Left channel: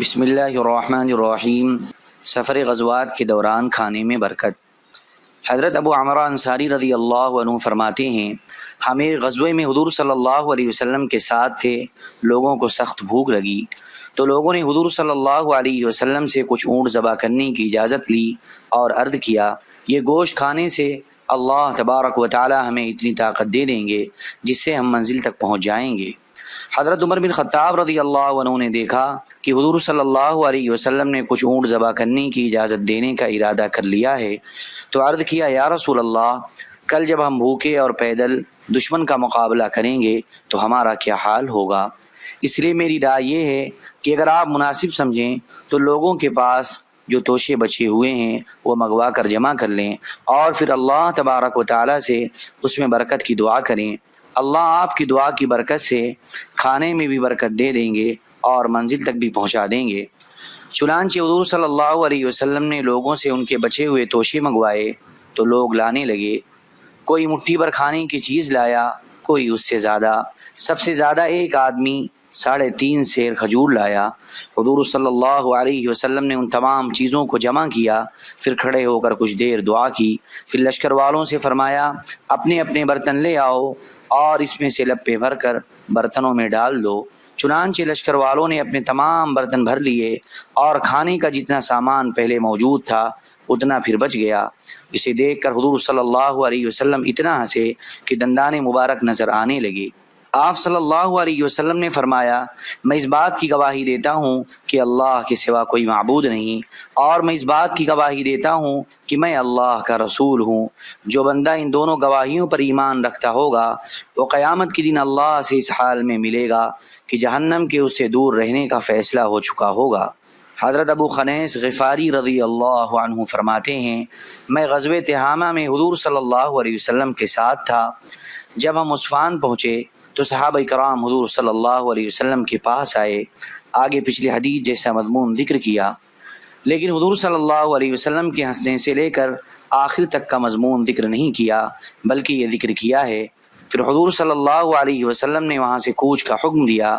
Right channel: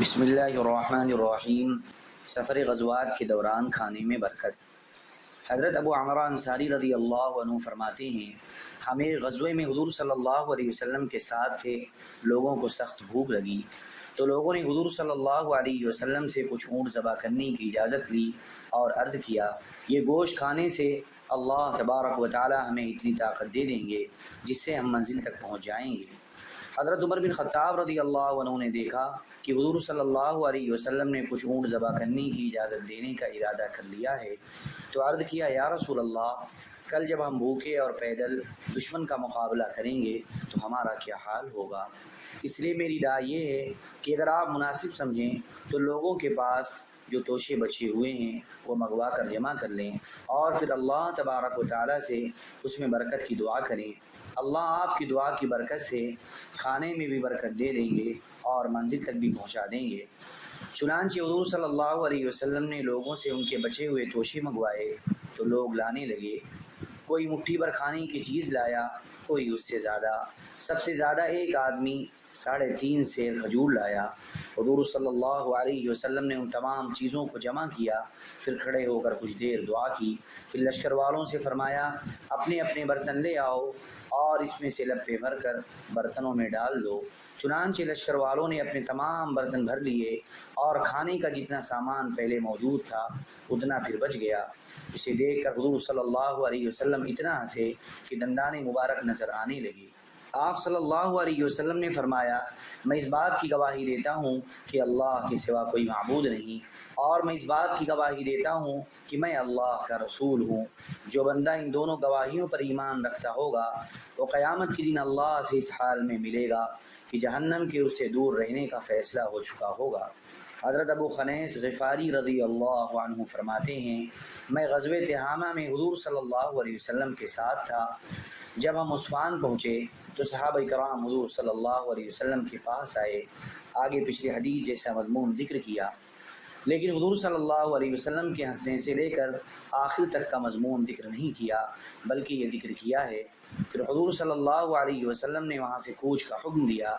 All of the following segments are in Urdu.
بسم اللہ الرحمن الرحیم۔ سفر غزوات کے دوران کھانے میں برکت۔ حضرت ابو عمرہ انصاری رضی اللہ عنہ فرماتے ہیں، ہم ایک غزوے میں حضور صلی اللہ علیہ وسلم کے ساتھ تھے۔ لوگوں کو سخت بھوک لگی تو لوگوں نے حضور صلی اللہ علیہ وسلم سے کچھ اونٹ ذبح کرنے کی اجازت لی اور عرض کیا، یہ گوشت کھانے سے اللہ تبارک و تعالی ہمیں اتنی طاقت دے دیں گے جس سے ہم منزل تک پہنچ جائیں گے۔ حضرت عمر بن خطاب رضی اللہ عنہ نے دیکھا کہ حضور صلی اللہ علیہ وسلم نے کچھ اونٹ ذبح کرنے کی اجازت دینے کا ارادہ کر لیا ہے، تو عرض کیا، یا رسول اللہ، کل جب ہم بھوکے اور پیدل دشمن کا مقابلہ کریں گے تو ہمارا کیا حال ہوگا؟ اس لیے میری رائے یہ ہے کہ اگر آپ مناسب سمجھیں تو لوگوں کے پاس جو توشے بچے ہوئے ہیں وہ منگوا کر جمع کر لیں اور پھر اللہ تبارک و تعالی سے اس میں برکت کی دعا کریں۔ اللہ آپ کی دعا کی برکت سے کھانے میں بھی برکت دے دیں گے اور منزل تک بھی پہنچا دیں گے۔ چنانچہ حضور صلی اللہ علیہ وسلم نے لوگوں سے ان کے بچے ہوئے توشے منگوائے تو لوگ لانے لگے۔ کوئی مٹھی بھر کھانے کی چیز لایا، کوئی اس سے زیادہ، سب سے زیادہ ایک آدمی 3.5 سیر کھجور لایا۔ حضور صلی اللہ علیہ وسلم نے ان تمام چیزوں کو جمع کیا، پھر کھڑے ہو کر کچھ دیر دعا کی، پھر لشکر والوں سے فرمایا، اپنے اپنے برتن لے آؤ اور اس میں سے لپے بھر کر برتنوں میں ڈال دو۔ چنانچہ لشکر والوں نے اپنے تمام برتن بھر لیے اور کھانے کا جتنا سامان پہلے موجود تھا اتنا پھر بچ گیا۔ اسے دیکھ کر حضور صلی اللہ علیہ وسلم اتنا ہنسے کہ دندان مبارک نظر آنے لگے۔ آپ صلی اللہ علیہ وسلم نے فرمایا، میں اس بات کی گواہی دیتا ہوں کہ اللہ کے سوا کوئی معبود نہیں، اور میں اس بات کی گواہی دیتا ہوں کہ میں اللہ کا رسول ہوں۔ جو بندہ ان دونوں گواہیوں پر ایمان رکھتا ہوگا وہ قیامت کے دن اللہ سے اس حال میں ملے گا کہ جہنم کے اس سے دور رہنے کا فیصلہ ہو چکا ہوگا۔ حضرت ابو خنیس غفاری رضی اللہ عنہ فرماتے ہیں، میں غزوہ تہامہ میں حضور صلی اللہ علیہ وسلم کے ساتھ تھا۔ جب ہم عسفان پہنچے تو صحابہ کرام حضور صلی اللہ علیہ وسلم کے پاس آئے۔ آگے پچھلی حدیث جیسا مضمون ذکر کیا، لیکن حضور صلی اللہ علیہ وسلم کے ہنسنے سے لے کر آخر تک کا مضمون ذکر نہیں کیا، بلکہ یہ ذکر کیا ہے، پھر حضور صلی اللہ علیہ وسلم نے وہاں سے کوچ کا حکم دیا۔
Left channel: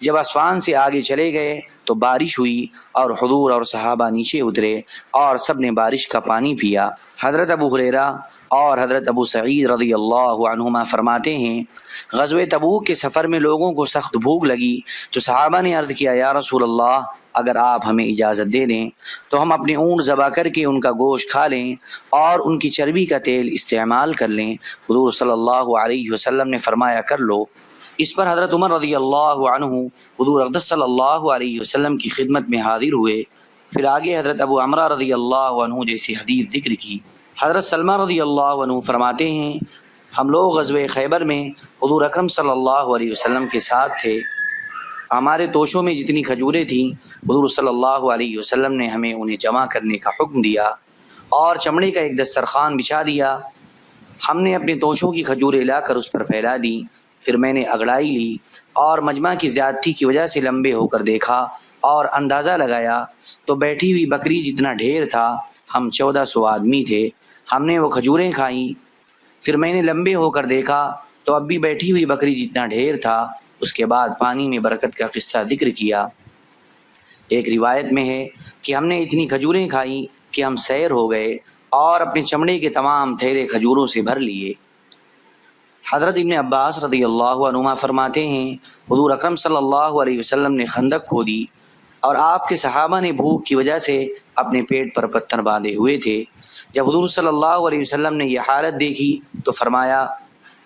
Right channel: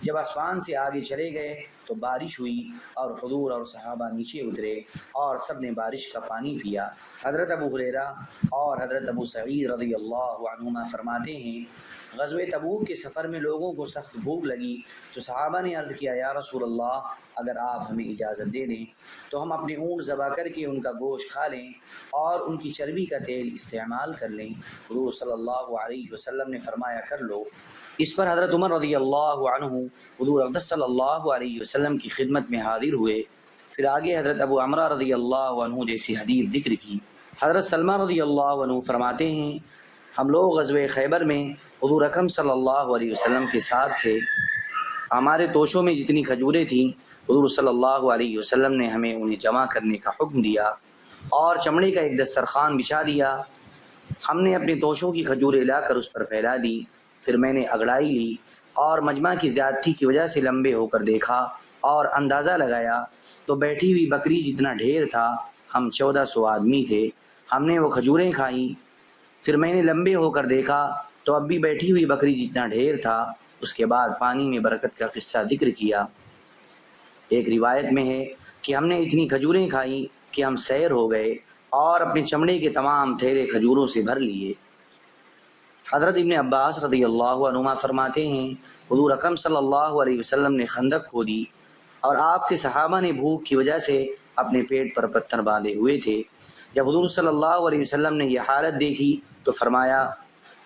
جب عسفان سے آگے چلے گئے تو بارش ہوئی اور حضور اور صحابہ نیچے اترے اور سب نے بارش کا پانی پیا۔ حضرت ابو ہریرہ اور حضرت ابو سعید رضی اللہ عنہما فرماتے ہیں، غزوہ تبوک کے سفر میں لوگوں کو سخت بھوک لگی تو صحابہ نے عرض کیا، یا رسول اللہ، اگر آپ ہمیں اجازت دے دیں تو ہم اپنے اونٹ ذبح کر کے ان کا گوشت کھا لیں اور ان کی چربی کا تیل استعمال کر لیں۔ حضور صلی اللہ علیہ وسلم نے فرمایا، کر لو۔ اس پر حضرت عمر رضی اللہ عنہ حضور اقدس صلی اللہ علیہ وسلم کی خدمت میں حاضر ہوئے، پھر آگے حضرت ابو عمرہ رضی اللہ عنہ جیسی حدیث ذکر کی۔ حضرت سلمہ رضی اللہ عنہ فرماتے ہیں، ہم لوگ غزوہ خیبر میں حضور اکرم صلی اللہ علیہ وسلم کے ساتھ تھے۔ ہمارے توشوں میں جتنی کھجوریں تھیں حضور صلی اللہ علیہ وسلم نے ہمیں انہیں جمع کرنے کا حکم دیا اور چمڑے کا ایک دسترخوان بچھا دیا۔ ہم نے اپنے توشوں کی کھجوریں لا کر اس پر پھیلا دی، پھر میں نے اگڑائی لی اور مجمع کی زیادتی کی وجہ سے لمبے ہو کر دیکھا اور اندازہ لگایا تو بیٹھی ہوئی بکری جتنا ڈھیر تھا، ہم 1400 آدمی تھے۔ ہم نے وہ کھجوریں کھائیں، پھر میں نے لمبے ہو کر دیکھا تو اب بھی بیٹھی ہوئی بکری جتنا ڈھیر تھا۔ اس کے بعد پانی میں برکت کا قصہ ذکر کیا۔ ایک روایت میں ہے کہ ہم نے اتنی کھجوریں کھائیں کہ ہم سیر ہو گئے اور اپنے چمڑے کے تمام تھیلے کھجوروں سے بھر لیے۔ حضرت ابن عباس رضی اللہ عنہما فرماتے ہیں، حضور اکرم صلی اللہ علیہ وسلم نے خندق کھودی اور آپ کے صحابہ نے بھوک کی وجہ سے اپنے پیٹ پر پتھر باندھے ہوئے تھے۔ جب حضور صلی اللہ علیہ وسلم نے یہ حالت دیکھی تو فرمایا،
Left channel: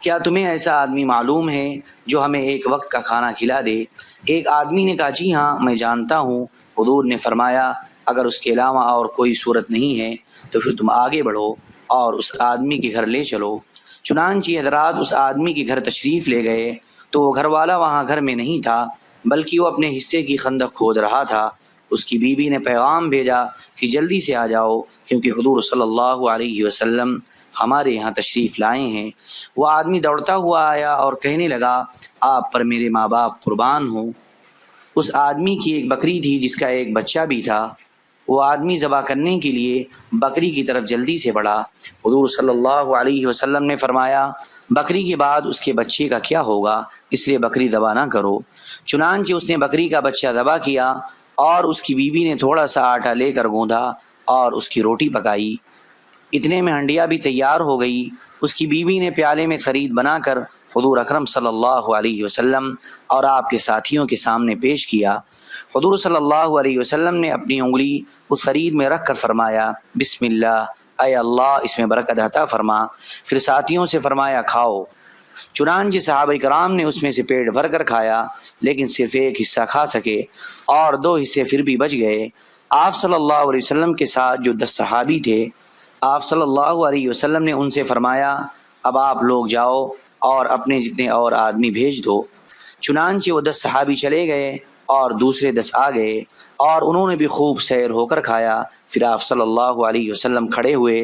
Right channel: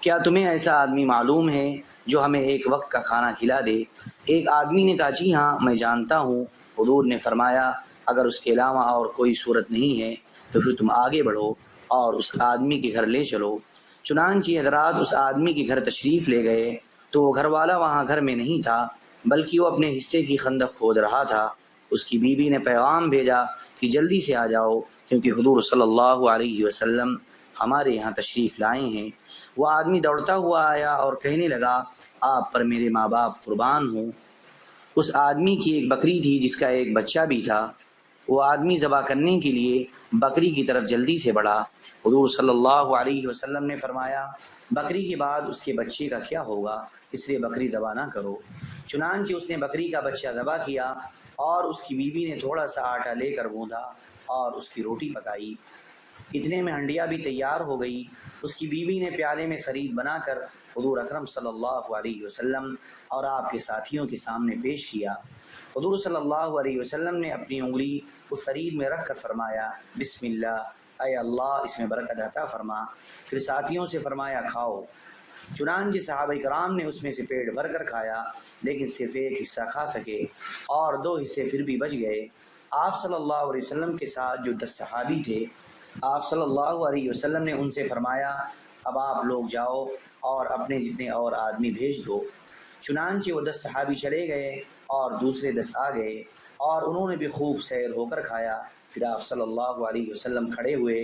کیا تمہیں ایسا آدمی معلوم ہے جو ہمیں ایک وقت کا کھانا کھلا دے؟ ایک آدمی نے کہا، جی ہاں، میں جانتا ہوں۔ حضور نے فرمایا، اگر اس کے علاوہ اور کوئی صورت نہیں ہے تو پھر تم آگے بڑھو اور اس آدمی کے گھر لے چلو۔ چنانچہ حضرات اس آدمی کے گھر تشریف لے گئے تو وہ گھر والا وہاں گھر میں نہیں تھا، بلکہ وہ اپنے حصے کی خندق کھود رہا تھا۔ اس کی بیوی نے پیغام بھیجا کہ جلدی سے آ جاؤ کیونکہ حضور صلی اللہ علیہ وسلم ہمارے یہاں تشریف لائے ہیں۔ وہ آدمی دوڑتا ہوا آیا اور کہنے لگا، آپ پر میرے ماں باپ قربان ہوں۔ اس آدمی کی ایک بکری تھی جس کا ایک بچہ بھی تھا۔ وہ آدمی ذبح کرنے کے لیے بکری کی طرف جلدی سے بڑھا۔ حضور صلی اللہ علیہ وسلم نے فرمایا، بکری کے بعد اس کے بچے کا کیا ہوگا، اس لیے بکری ذبح نہ کرو۔ چنانچہ اس نے بکری کا بچہ ذبح کیا اور اس کی بیوی نے تھوڑا سا آٹا لے کر گوندھا اور اس کی روٹی پکائی۔ اتنے میں ہنڈیا بھی تیار ہو گئی۔ اس کی بیوی نے پیالے میں ثرید بنا کر حضور اکرم صلی اللہ علیہ وسلم اور آپ کے ساتھیوں کے سامنے پیش کیا۔ حضور صلی اللہ علیہ وسلم نے اپنی انگلی اس ثرید میں رکھ کر فرمایا بسم اللہ، اے اللہ اس میں برکت عطا فرما۔ پھر ساتھیوں سے فرمایا کھاؤ۔ چنانچہ صحابہ کرام نے اس میں سے پیٹ بھر کر کھایا، لیکن صرف ایک حصہ کھا سکے اور 2 حصے پھر بھی بچ گئے۔ آپ صلی اللہ علیہ وسلم کے ساتھ جو 10 صحابی تھے، آپ صلی اللہ علیہ وسلم نے ان سے فرمایا اب آپ لوگ جاؤ اور اپنے جتنے اور آدمی بھیج دو۔ چنانچہ وہ 10 صحابی چلے گئے اور دوسرے 10 آ گئے اور انہوں نے بھی خوب سیر ہو کر کھایا۔ پھر آپ صلی اللہ علیہ وسلم کھڑے ہوئے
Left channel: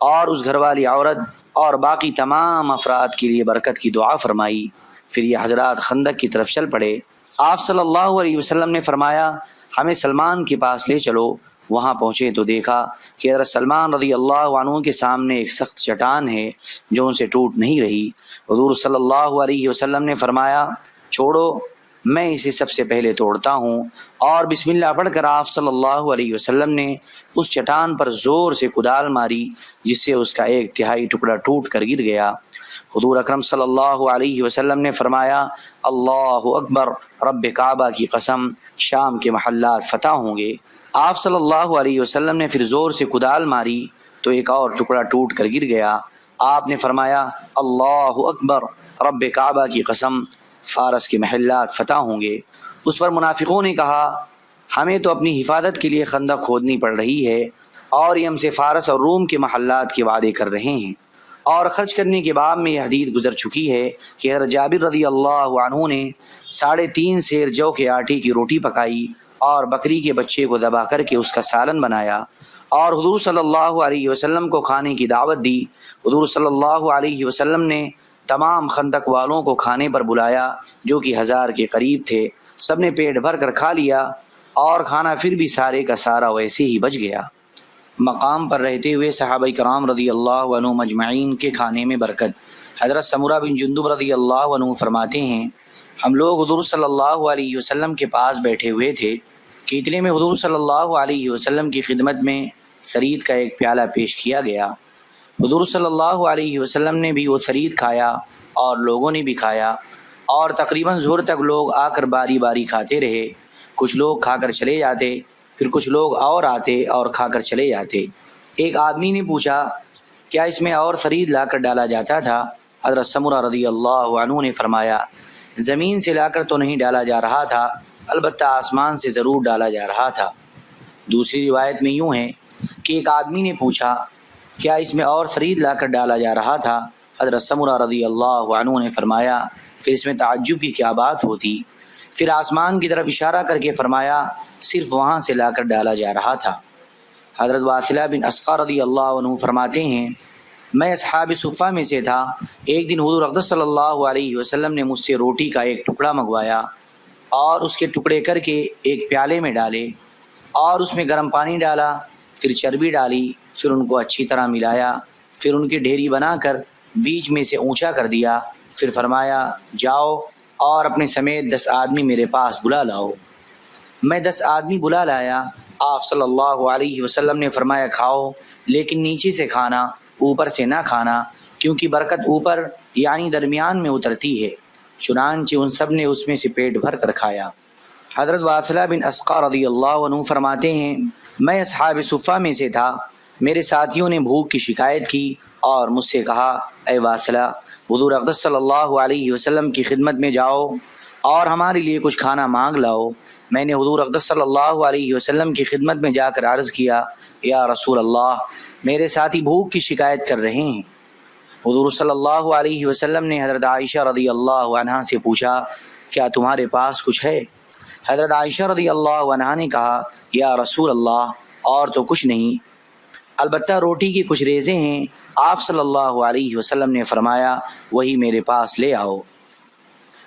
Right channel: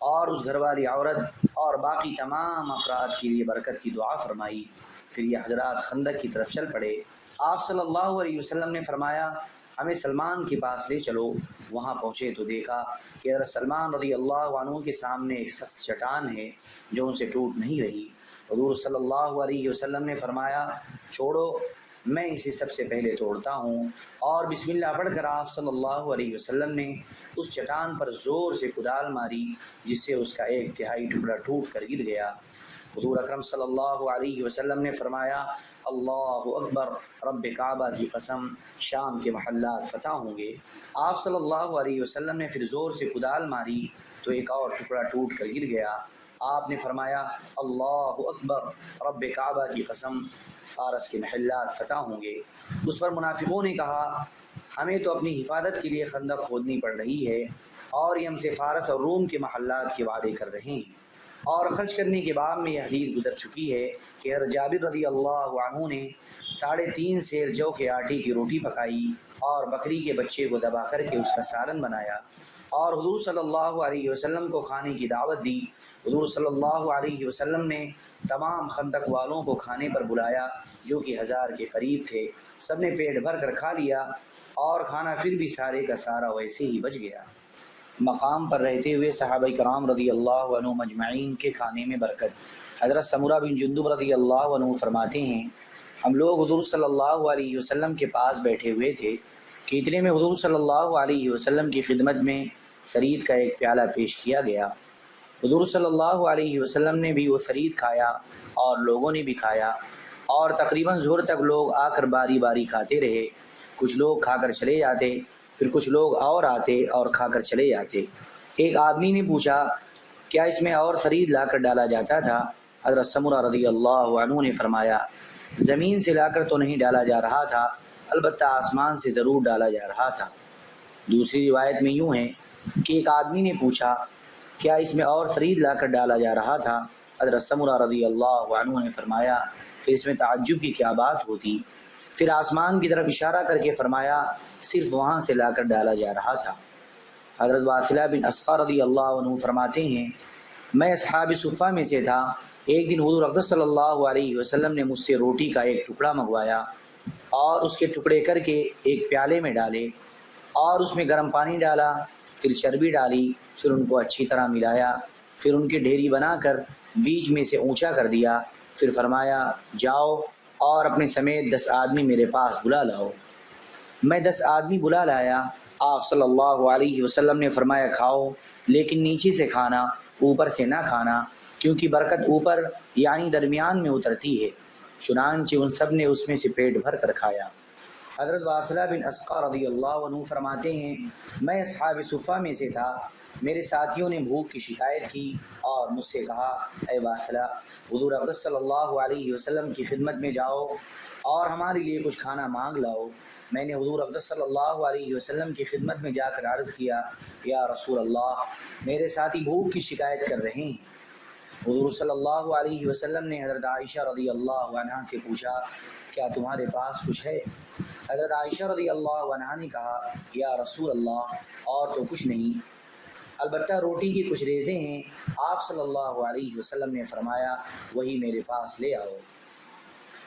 اور اس گھر والی عورت اور باقی تمام افراد کے لیے برکت کی دعا فرمائی۔ پھر یہ حضرات خندق کی طرف چل پڑے۔ آپ صلی اللہ علیہ وسلم نے فرمایا ہمیں سلمان کے پاس لے چلو۔ وہاں پہنچے تو دیکھا کہ حضرت سلمان رضی اللہ عنہ کے سامنے ایک سخت چٹان ہے جو ان سے ٹوٹ نہیں رہی۔ حضور صلی اللہ علیہ وسلم نے فرمایا چھوڑو، میں اسے سب سے پہلے توڑتا ہوں، اور بسم اللہ پڑھ کر آپ صلی اللہ علیہ وسلم نے اس چٹان پر زور سے کدال ماری، جس سے اس کا 1/3 ٹکڑا ٹوٹ کر گر گیا۔ حضور اکرم صلی اللہ علیہ وسلم نے فرمایا اللہ اکبر، رب کعبہ کی قسم شام کے محلات فتح ہوں گے۔ آپ صلی اللہ علیہ وسلم نے پھر زور سے کدال ماری تو ایک اور ٹکڑا ٹوٹ کر گر گیا۔ آپ نے فرمایا اللہ اکبر، رب کعبہ کی قسم فارس کے محلات فتح ہوں گے۔ اس پر منافقوں نے کہا ہمیں تو اپنی حفاظت کے لیے خندق کھودنی پڑ رہی ہے اور یہ ہم سے فارس اور روم کے محلات کے وعدے کر رہے ہیں۔ اور خرچ کرنے کے باب میں یہ حدیث گزر چکی ہے کہ حضرت جابر رضی اللہ عنہ نے 3.5 سیر جو کے آٹے کی روٹی پکائی اور بکری کے بچے کو ذبح کر کے اس کا سالن بنایا اور حضور صلی اللہ علیہ وسلم کو کھانے کی دعوت دی۔ حضور صلی اللہ علیہ وسلم نے تمام خندق والوں کو کھانے پر بلایا جو کہ 1000 کے قریب تھے۔ سب نے پیٹ بھر کر کھا لیا اور کھانا پھر بھی سارے کا سارا ویسے ہی بچ گیا۔ مقام پر رہتے ہوئے صحابہ کرام رضی اللہ عنہ مجمعین کے کھانے میں برکت۔ حضرت سمرہ بن جندب رضی اللہ عنہ فرماتے ہیں ہم لوگ حضور صلی اللہ علیہ وسلم کے پاس بیٹھے ہوئے تھے کہ اتنے میں حضور صلی اللہ علیہ وسلم کی خدمت میں ثرید کا ایک پیالہ پیش کیا گیا۔ حضور صلی اللہ علیہ وسلم نے بھی وہ ثرید کھایا اور لوگوں نے بھی کھایا، اور تقریباً ظہر تک لوگ آ کر باری باری کھاتے رہے۔ کچھ لوگ کھا کر چلے جاتے، پھر کچھ لوگ اور آتے اور کھا کر چلے جاتے۔ ایک آدمی نے پوچھا کیا اس میں اور ثرید لا کر ڈالا جاتا تھا؟ حضرت سمرہ رضی اللہ عنہ نے فرمایا زمین سے لا کر تو نہیں ڈالا جا رہا تھا، البتہ آسمان سے ضرور ڈالا جا رہا تھا۔ دوسری روایت میں یوں ہے کہ ایک آدمی نے پوچھا کیا اس میں اور ثرید لا کر ڈالا جا رہا تھا؟ حضرت سمرہ رضی اللہ عنہ نے فرمایا پھر اس میں تعجب کی کیا بات ہوتی؟ پھر آسمان کی طرف اشارہ کر کے فرمایا صرف وہاں سے لا کر ڈالا جا رہا تھا۔ حضرت واصلہ بن اسقر رضی اللہ عنہ فرماتے ہیں میں اصحاب صفہ میں سے تھا۔ ایک دن حضور اقدس صلی اللہ علیہ وسلم نے مجھ سے روٹی کا ایک ٹکڑا منگوایا اور اس کے ٹکڑے کر کے ایک پیالے میں ڈالے اور اس میں گرم پانی ڈالا، پھر چربی ڈالی، پھر ان کو اچھی طرح ملایا، پھر ان کی ڈھیری بنا کر بیچ میں سے اونچا کر دیا، پھر فرمایا جاؤ اور اپنے سمیت 10 آدمی میرے پاس بلا لاؤ۔ میں 10 آدمی بلا لایا۔ آپ صلی اللہ علیہ وسلم نے فرمایا کھاؤ، لیکن نیچے سے کھانا، اوپر سے نہ کھانا، کیونکہ برکت اوپر یعنی درمیان میں اترتی ہے۔ چنانچہ ان سب نے اس میں سے پیٹ بھر کر کھایا۔ حضرت واصلہ بن اسقر رضی اللہ عنہ فرماتے ہیں میں اصحاب صفہ میں سے تھا۔ میرے ساتھیوں نے بھوک کی شکایت کی اور مجھ سے کہا اے واصلہ، حضور اقدس صلی اللہ علیہ وسلم کی خدمت میں جاؤ اور ہمارے لیے کچھ کھانا مانگ لاؤ۔ میں نے حضور اقدس صلی اللہ علیہ وسلم کی خدمت میں جا کر عرض کیا یا رسول اللہ، میرے ساتھی بھوک کی شکایت کر رہے ہیں۔ حضور صلی اللہ علیہ وسلم نے حضرت عائشہ رضی اللہ عنہا سے پوچھا کیا تمہارے پاس کچھ ہے؟ حضرت عائشہ رضی اللہ عنہا نے کہا یا رسول اللہ اور تو کچھ نہیں، البتہ روٹی کی کچھ ریزیں ہیں۔ آپ صلی اللہ علیہ وسلم نے فرمایا وہی میرے پاس لے آؤ۔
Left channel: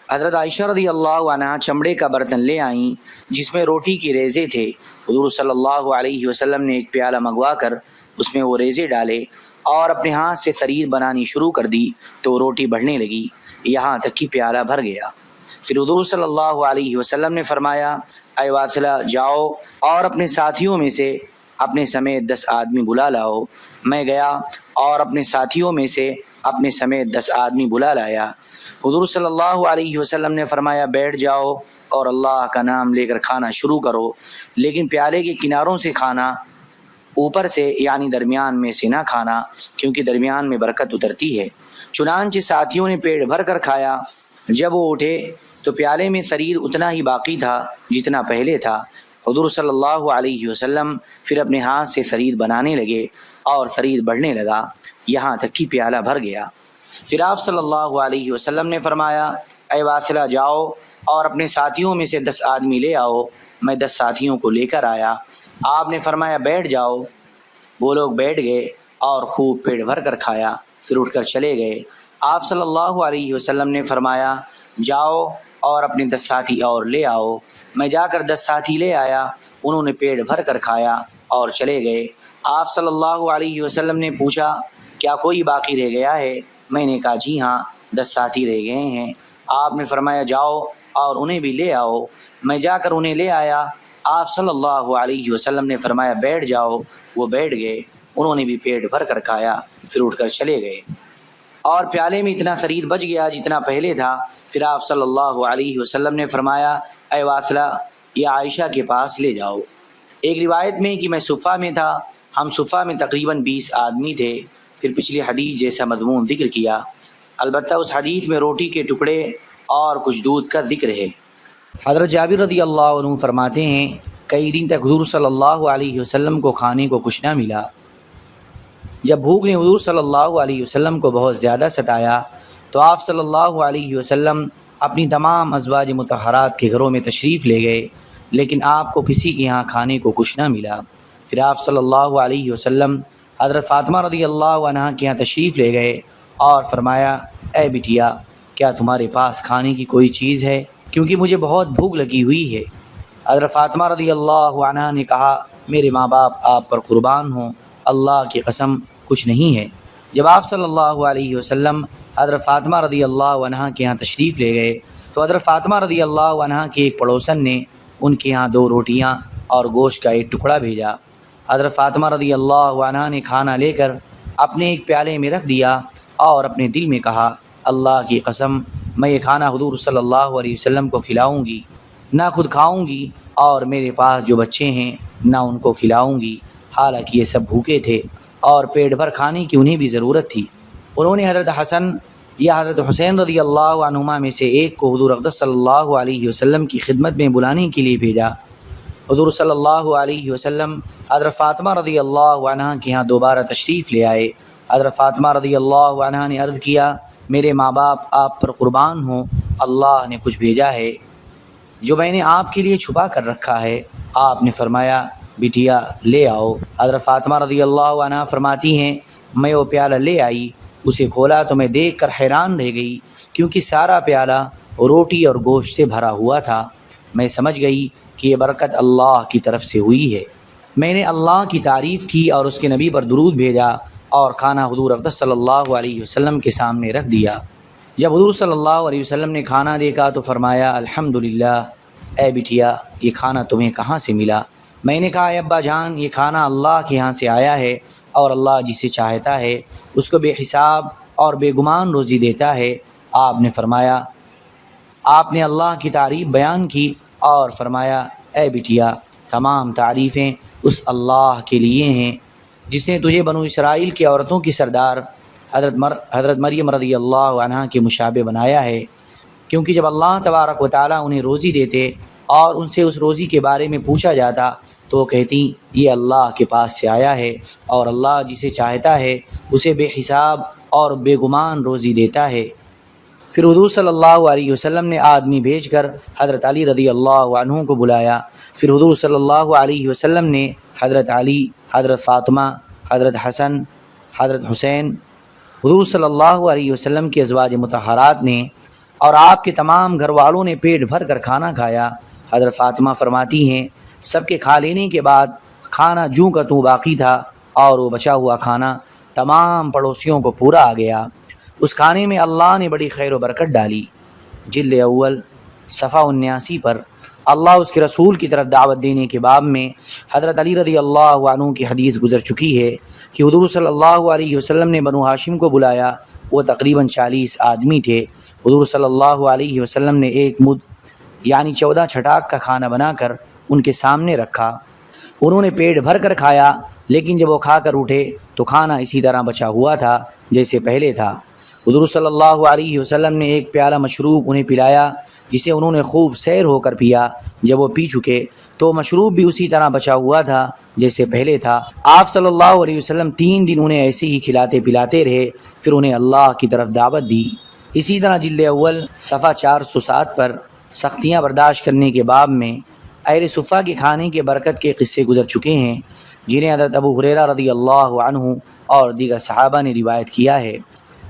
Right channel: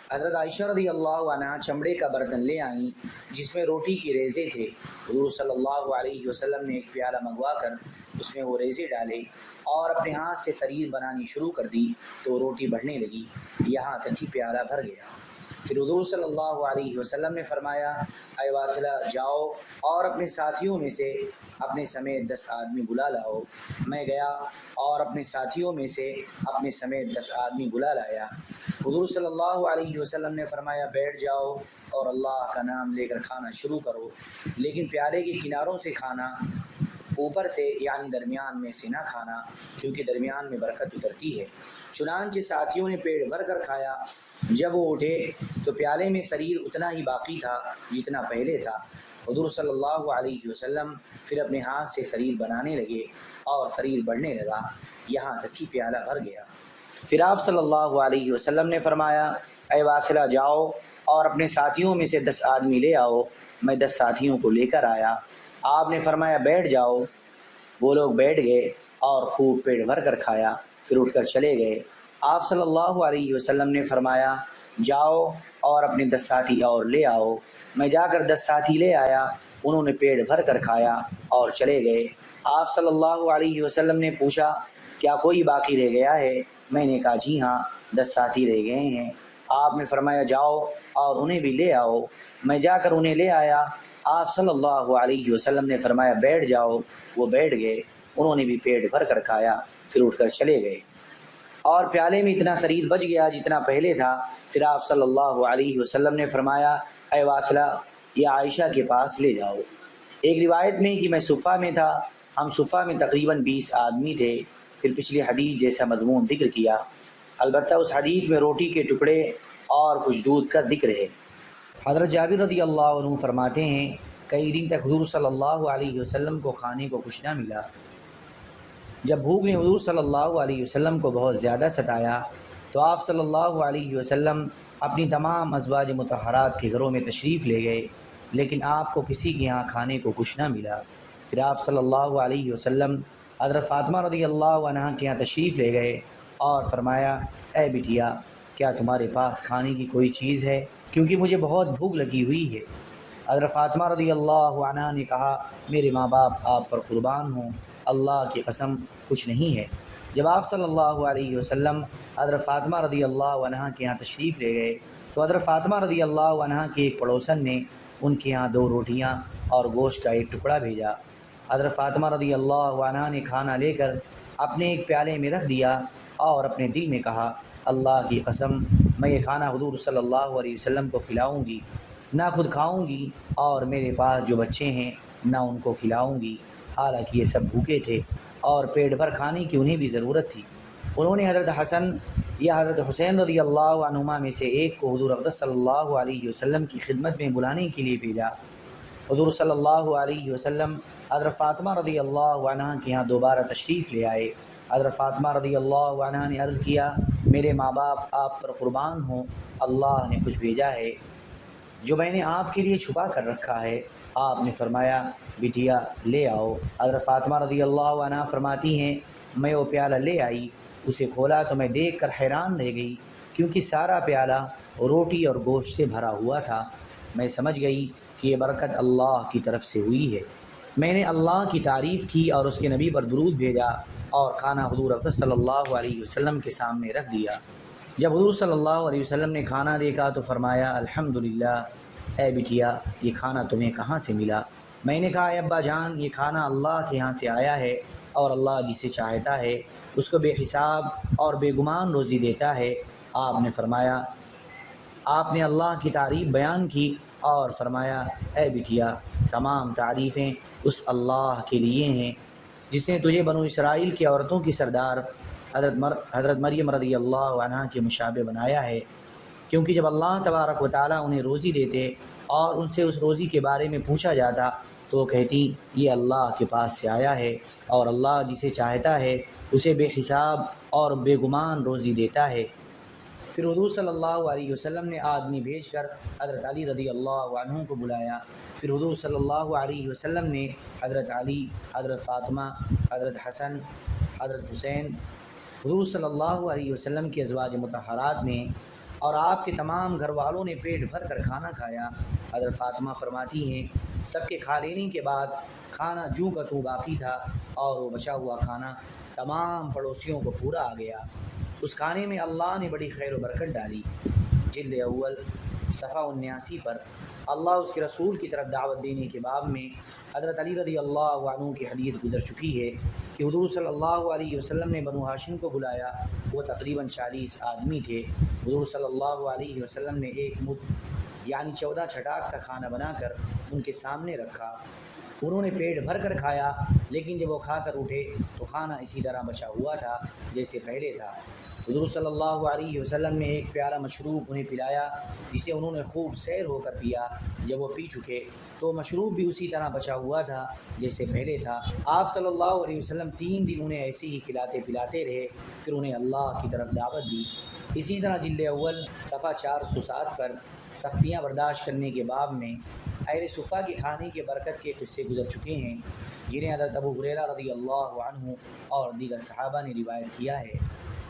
حضرت عائشہ رضی اللہ عنہا چمڑے کا برتن لے آئیں جس میں روٹی کی ریزے تھے۔ حضور صلی اللہ علیہ وسلم نے ایک پیالہ منگوا کر اس میں وہ ریزے ڈالے اور اپنے ہاتھ سے ثرید بنانی شروع کر دی تو روٹی بڑھنے لگی یہاں تک کہ پیالہ بھر گیا۔ پھر حضور صلی اللہ علیہ وسلم نے فرمایا اے واصلہ جاؤ اور اپنے ساتھیوں میں سے اپنے سمیت 10 آدمی بلا لاؤ۔ میں گیا اور اپنے ساتھیوں میں سے اپنے سمیت 10 آدمی بلا لایا۔ حضور صلی اللہ علیہ وسلم نے فرمایا بیٹھ جاؤ اور اللہ کا نام لے کر کھانا شروع کرو، لیکن پیالے کے کناروں سے کھانا، اوپر سے یعنی درمیان میں سے نہ کھانا، کیونکہ درمیان میں برکت اترتی ہے۔ چنانچہ ساتھیوں نے پیٹ بھر کر کھایا۔ جب وہ اٹھے تو پیالے میں ثرید اتنا ہی باقی تھا جتنا پہلے تھا۔ حضور صلی اللہ علیہ وسلم پھر اپنے ہاتھ سے ثرید بنانے لگے اور ثرید بڑھنے لگا یہاں تک کہ پیالہ بھر گیا۔ پھر آپ صلی اللہ علیہ وسلم نے فرمایا اے واصلہ جاؤ اور اپنے ساتھیوں میں سے 10 آدمی لے آؤ۔ میں 10 ساتھیوں کو لے کر آیا۔ آپ نے فرمایا بیٹھ جاؤ۔ وہ لوگ بیٹھ گئے اور خوب پیٹ بھر کر کھایا، پھر اٹھ کر چلے گئے۔ آپ صلی اللہ علیہ وسلم نے فرمایا جاؤ اور اپنے 10 ساتھی اور لے آؤ۔ میں جا کر 10 ساتھی لے آیا، انہوں نے پیٹ بھر کر کھایا اور چلے گئے۔ آپ صلی اللہ علیہ وسلم نے پوچھا کیا کوئی باقی رہ گیا ہے؟ میں نے کہا جی ہاں 10 ساتھی رہ گئے ہیں۔ آپ نے فرمایا جاؤ اور انہیں بھی لے آؤ۔ میں جا کر انہیں لے آیا۔ آپ صلی اللہ علیہ وسلم نے فرمایا بیٹھ جاؤ۔ وہ بیٹھ گئے، انہوں نے بھی پیٹ بھر کر کھایا، پھر اٹھ کر چلے گئے اور پیالے میں اتنا ثرید بچ گیا جتنا پہلے تھا۔ پھر آپ صلی اللہ علیہ وسلم نے فرمایا اے واصلہ یہ عائشہ کے پاس لے جاؤ۔ ایک روایت میں کہ میں صفہ میں تھا، ہم صفہ میں تقریباً 20 آدمی تھے۔ پھر پچھلی حدیث جیسا مضمون ذکر کیا، البتہ اس حدیث میں روٹی کے ٹکڑے اور کچھ دودھ کا ذکر ہے۔ حضرت جابر رضی اللہ عنہ فرماتے ہیں کئی دن تک حضور صلی اللہ علیہ وسلم کو کھانے کو کچھ نہ ملا۔ جب بھوک نے حضور صلی اللہ علیہ وسلم کو بہت زیادہ ستایا تو آپ صلی اللہ علیہ وسلم اپنی تمام ازواج مطہرات کے گھروں میں تشریف لے گئے، لیکن آپ کو کسی کے یہاں کھانے کو کچھ نہ ملا۔ پھر آپ صلی اللہ علیہ وسلم حضرت فاطمہ رضی اللہ عنہا کے یہاں تشریف لے گئے اور فرمایا اے بٹیا کیا تمہارے پاس کھانے کی کوئی چیز ہے؟ کیونکہ مجھے بہت بھوک لگی ہوئی ہے۔ حضرت فاطمہ رضی اللہ عنہا نے کہا میرے ماں باپ آپ پر قربان ہوں، اللہ کی قسم کچھ نہیں ہے۔ جب آپ صلی اللہ علیہ وسلم حضرت فاطمہ رضی اللہ عنہا کے یہاں تشریف لے گئے تو حضرت فاطمہ رضی اللہ عنہا کے ایک پڑوسن نے ان کے یہاں 2 روٹیاں اور گوشت کا ایک ٹکڑا بھیجا۔ حضرت فاطمہ رضی اللہ عنہا نے کھانا لے کر اپنے ایک پیالے میں رکھ دیا اور اپنے دل میں کہا اللہ کی قسم میں یہ کھانا حضور صلی اللہ علیہ وسلم کو کھلاؤں گی، نہ خود کھاؤں گی اور میرے پاس جو بچے ہیں نہ ان کو کھلاؤں گی، حالانکہ یہ سب بھوکے تھے اور پیٹ بھر کھانے کی انہیں بھی ضرورت تھی۔ انہوں نے حضرت حسن یا حضرت حسین رضی اللہ عنہما میں سے ایک کو حضور اقدس صلی اللہ علیہ وسلم کی خدمت میں بلانے کے لیے بھیجا۔ حضور صلی اللہ علیہ وسلم حضرت فاطمہ رضی اللہ عنہا کے یہاں دوبارہ تشریف لے آئے۔ حضرت فاطمہ رضی اللہ عنہا نے عرض کیا میرے ماں باپ آپ پر قربان ہوں، اللہ نے کچھ بھیجا ہے جو میں نے آپ کے لیے چھپا کر رکھا ہے۔ آپ نے فرمایا بٹیا لے آؤ۔ حضرت فاطمہ رضی اللہ عنہا فرماتی ہیں میں وہ پیالہ لے آئی، اسے کھولا تو میں دیکھ کر حیران رہ گئی کیونکہ سارا پیالہ روٹی اور گوشت سے بھرا ہوا تھا۔ میں سمجھ گئی کہ یہ برکت اللہ کی طرف سے ہوئی ہے۔ میں نے اللہ کی تعریف کی اور اس کے نبی پر درود بھیجا اور کھانا حضور اقدس صلی اللہ علیہ وسلم کے سامنے رکھ دیا۔ جب حضور صلی اللہ علیہ وسلم نے کھانا دیکھا تو فرمایا الحمدللہ، اے بٹیا یہ کھانا تمہیں کہاں سے ملا؟ میں نے کہا اے ابا جان یہ کھانا اللہ کے یہاں سے آیا ہے اور اللہ جسے چاہتا ہے اس کو بے حساب اور بے گمان روزی دیتا ہے۔ آپ نے فرمایا آپ نے اللہ کی تعریف بیان کی اور فرمایا اے بٹیا تمام تعریفیں اس اللہ کے لیے ہیں جس نے تجھے بنو اسرائیل کی عورتوں کی سردار حضرت مریم رضی اللہ عنہا کے مشابہ بنایا ہے، کیونکہ جب اللہ تبارک و تعالیٰ انہیں روزی دیتے اور ان سے اس روزی کے بارے میں پوچھا جاتا تو وہ کہتی یہ اللہ کے پاس سے آیا ہے اور اللہ جسے چاہتا ہے اسے بے حساب اور بے گمان روزی دیتا ہے۔ پھر حضور صلی اللہ علیہ وسلم نے آدمی بھیج کر حضرت علی رضی اللہ عنہ کو بلایا۔ پھر حضور صلی اللہ علیہ وسلم نے حضرت علی، حضرت فاطمہ، حضرت حسن، حضرت حسین، حضور صلی اللہ علیہ وسلم کی ازواج مطہرات نے اور آپ کے تمام گھر والوں نے پیٹ بھر کر کھانا کھایا۔ حضرت فاطمہ فرماتی ہیں سب کے کھا لینے کے بعد کھانا جوں کا توں باقی تھا اور وہ بچا ہوا کھانا تمام پڑوسیوں کو پورا آ گیا۔ اس کھانے میں اللہ نے بڑی خیر و برکت ڈالی۔ جلد اول صفحہ 79 پر اللہ اس کے رسول کی طرف دعوت دینے کے باب میں حضرت علی رضی اللہ عنہ کی حدیث گزر چکی ہے کہ حضور صلی اللہ علیہ وسلم نے بنو ہاشم کو بلایا. وہ تقریباً 40 آدمی تھے. حضور صلی اللہ علیہ وسلم نے ایک مد یعنی 14 چھٹاک کا کھانا بنا کر ان کے سامنے رکھا. انہوں نے پیٹ بھر کر کھایا، لیکن جب وہ کھا کر اٹھے تو کھانا اسی طرح بچا ہوا تھا جیسے پہلے تھا. حضور صلی اللہ علیہ وسلم نے ایک پیالہ مشروب انہیں پلایا جسے انہوں نے خوب سیر ہو کر پیا. جب وہ پی چکے تو مشروب بھی اسی طرح بچا ہوا تھا جیسے پہلے تھا. آپ صلی اللہ علیہ وسلم 3 دن انہیں ایسے ہی کھلاتے پلاتے رہے، پھر انہیں اللہ کی طرف دعوت دی. اسی طرح جلد اول صفحہ 407 پر سختیاں برداشت کرنے کے باب میں اہل صفہ کے کھانے کے برکت کے قصے گزر چکے ہیں، جنہیں حضرت ابو ہریرہ رضی اللہ عنہ اور دیگر صحابہ نے روایت کیا ہے.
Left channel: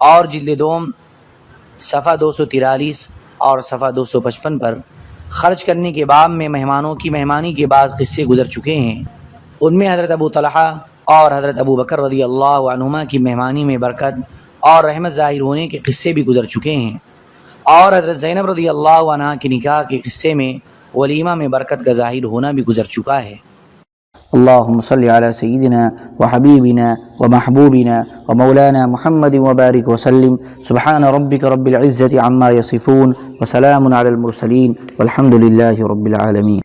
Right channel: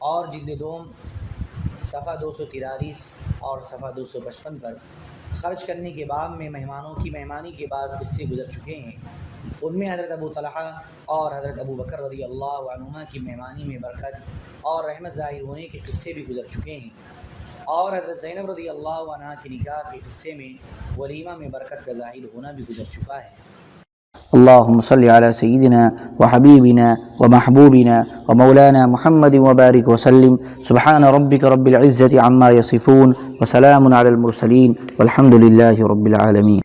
اور جلد دوم صفحہ 243 اور صفحہ 255 پر خرچ کرنے کے باب میں مہمانوں کی مہمانی کے بعد قصے گزر چکے ہیں. ان میں حضرت ابو طلحہ اور حضرت ابو بکر رضی اللہ عنہما کی مہمانی میں برکت اور رحمت ظاہر ہونے کے قصے بھی گزر چکے ہیں. اور حضرت زینب رضی اللہ عنہ کے نکاح کے قصے میں ولیمہ میں برکت کا ظاہر ہونا بھی گزر چکا ہے. اللهم صل على سيدنا وحبيبنا ومحبوبنا ومولانا محمد وبارك وسلم. سبحان ربك رب العزة عما يصفون وسلام على المرسلين والحمد لله رب العالمين.